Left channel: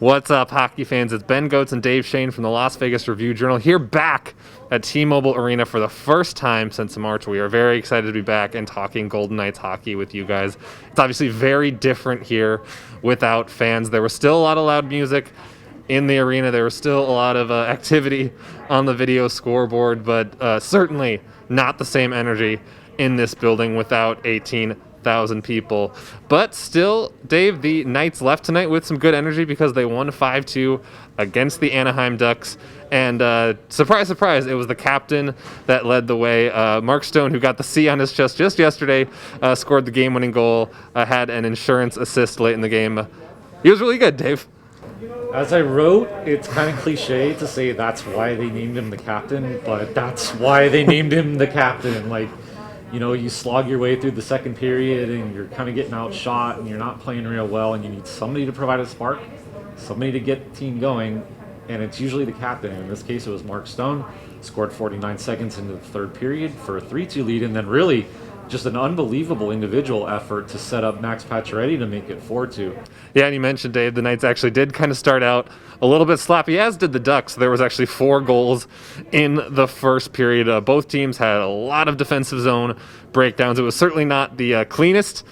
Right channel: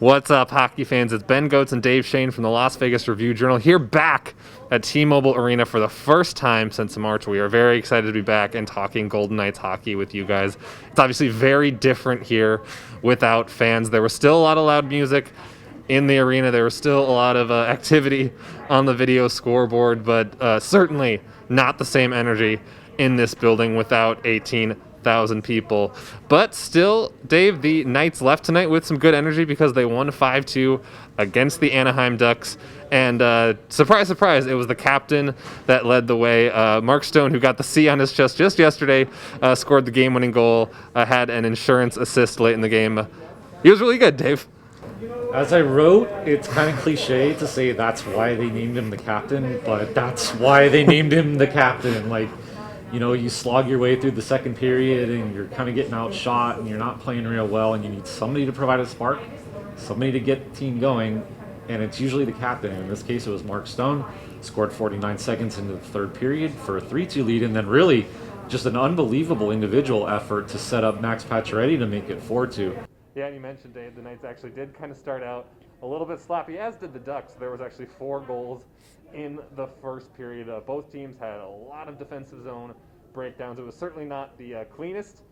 What's up, hockey fans? It's Ben Gotz and Dave Schoen from the Las Vegas Review-Journal here back at T-Mobile Arena for the first time since March. We are very excited to be back and talking Golden Knights hockey with you guys. It's obviously very different here without fans. There was still a lot of loud music in the arena. There was still a lot of activity on the video scoreboard, but certainly not the same energy in this building without 18,000 people. But still, Dave, the Knights left tonight with some good energy because they won 5-2 against the Anaheim Ducks. And surprise, surprise, it was the captain that led the way. Mark Schoen, who got the C on his chest just yesterday, scored the game-winning goal, had an insurance assist late in the game. He was really good, Dave. As I wrote, it's kind of cliche to say that's why they named him the captain, but that's why they named him the captain. Like, you know, you slog your way through the second period and you're kind of getting outshot and you're not playing real well and you need somebody to provide a spark, somebody to get the team going, and it's usually the captain. In this case, it was Mark Schoen. Scored 49 seconds into the third period for a 3-2 lead, and then really just an unbelievable individual effort to set up Max Pacioretty to make it 4-2. Yeah, and you mentioned, Dave, the Knights actually did kind of start out a little bit sloppy, as did the Ducks. There was actually 4 goals in the first period. Both teams had a lot of defensive zone breakdowns. It was certainly not the cleanest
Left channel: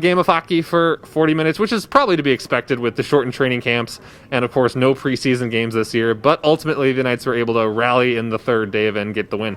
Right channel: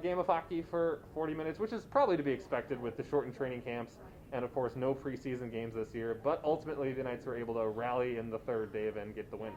game of hockey for 40 minutes, which is probably to be expected with the shortened training camps and, of course, no preseason games this year. But ultimately, the Knights were able to rally in the third, Dave, and get the win.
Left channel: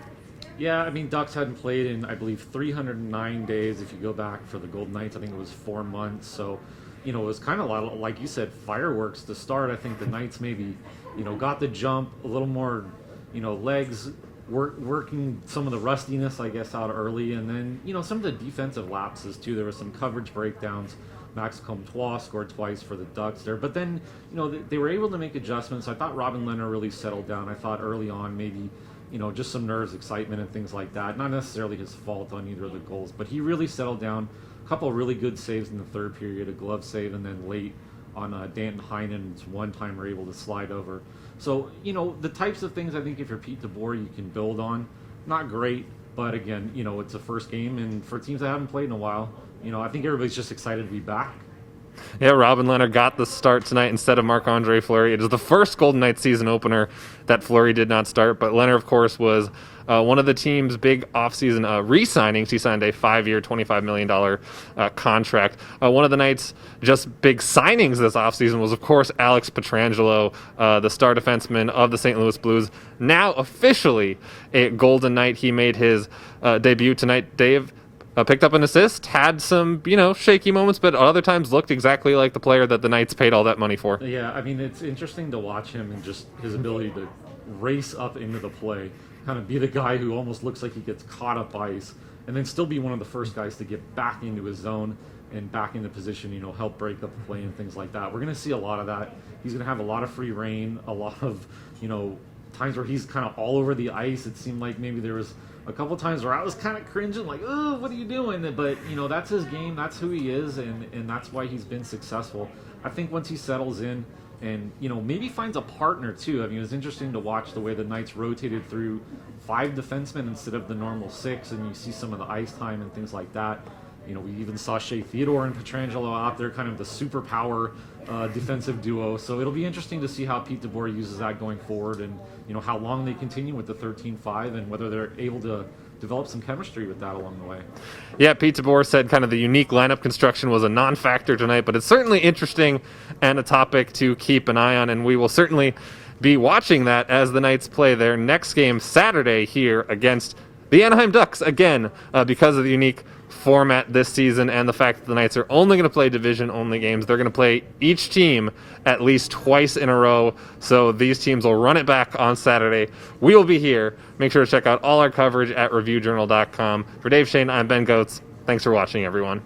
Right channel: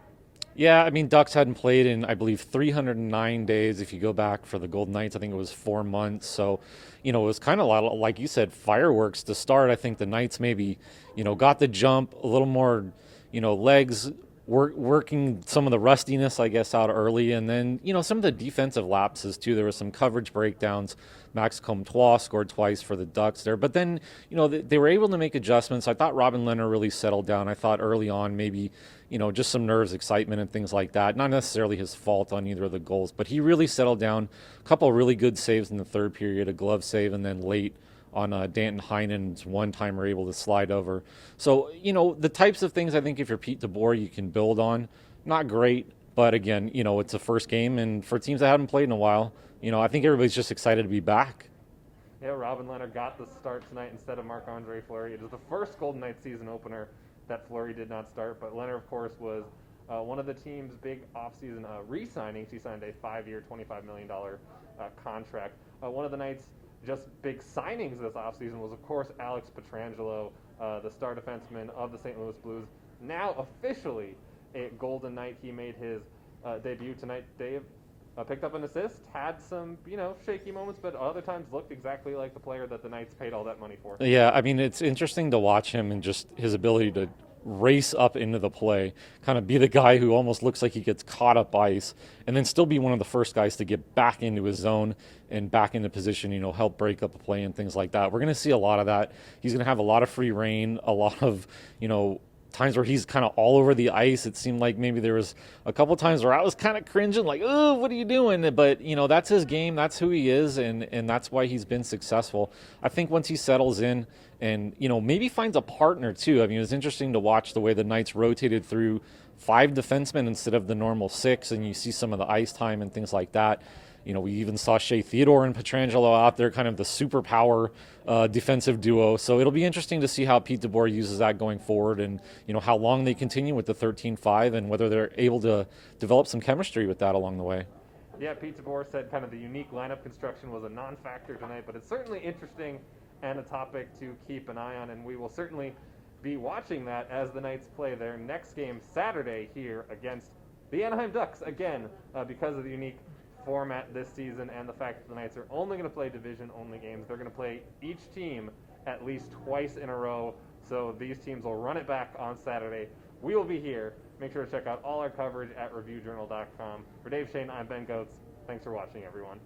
Yeah, I mean, Ducks hadn't played in, I believe, 309 days. If you go back for the Golden Knights, I think it was 4 months. So, you know, it was kind of a lot of, like you said, fireworks to start. I think the Knights maybe, you know, got the jump, a little more, you know, legs, working some of the rustiness, I guess, out early. And then, you know, some of the defensive lapses, too. There was some coverage breakdowns. Max Comtois scored twice for the Ducks there. But then, you know, they were able to make adjustments. I thought Robin Lehner really settled down. I thought early on maybe, you know, just some nerves, excitement, and things like that. Not necessarily his fault on either of the goals, but he really settled down. A couple of really good saves in the third period, a glove save, and then late on Danton Heinen's one-timer able to slide over. So, you know, the types of things I think if you're Pete DeBoer, you can build on. Not great, but again, you know, it's a first game, and for teams that haven't played in a while, you know, I think everybody's just excited to be back. Yeah, Robin Lehner got the start tonight instead of Marc-Andre Fleury. It is the first Golden Knights season opener that Fleury did not start, but Lehner, of course, was one of the team's big offseason re-signings. He signed a 5-year, $25 million contract. One of the Knights' just big signings this offseason was, of course, Alex Pietrangelo, the star defenseman of the St. Louis Blues, now officially a Golden Knight. He made his debut tonight, Dave. Picked up an assist, had some, you know, shaky moments, but other times looked exactly like the player that the Knights paid all that money for. Yeah, I mean, it's interesting to watch him and just his ability to race up into the play, kind of be the guy who almost looks like he gets caught up ice, and then still be one of the first guys to get back into his zone and back into position, you know, help break up the play and things like that. We're going to see a lot of that. He's going to have a lot of free reign, a lot of, you know, times where he's kind of all over the ice. It seemed like maybe there was a couple times where I was kind of cringing, like, oh, what are you doing? But, you know, that's his game. That's who he is, and that's why he's been successful. I think once he settles in and, you know, maybe finds a partner, too. I mean, it was interesting to watch the way the Knights rotated through 5 defensemen instead of the normal 6, and you see some of the ice time and things like that. You know, we even saw Shea Theodore and Pietrangelo out there, kind of the superpower defensive duo. So it'll be interesting to see how Pete DeBoer uses that going forward, and, you know, how long they continue with the 13-5 and whether they're able to develop some chemistry with that along the way. Yeah, Pete DeBoer said kind of the unique lineup construction was a non-factor tonight, but it's certainly interesting and a topic to keep an eye on, and we will certainly be watching that as the Knights play their next game Saturday here against the Anaheim Ducks, again, because of the unique format this season and the fact that the Knights are only going to play division-only games. They're going to play each team at least twice in a row, so these teams will run it back on Saturday. We will be here. Make sure to check out all our coverage at reviewjournal.com. For Dave Schoen, I'm Ben Gotz. Thanks for watching, everyone.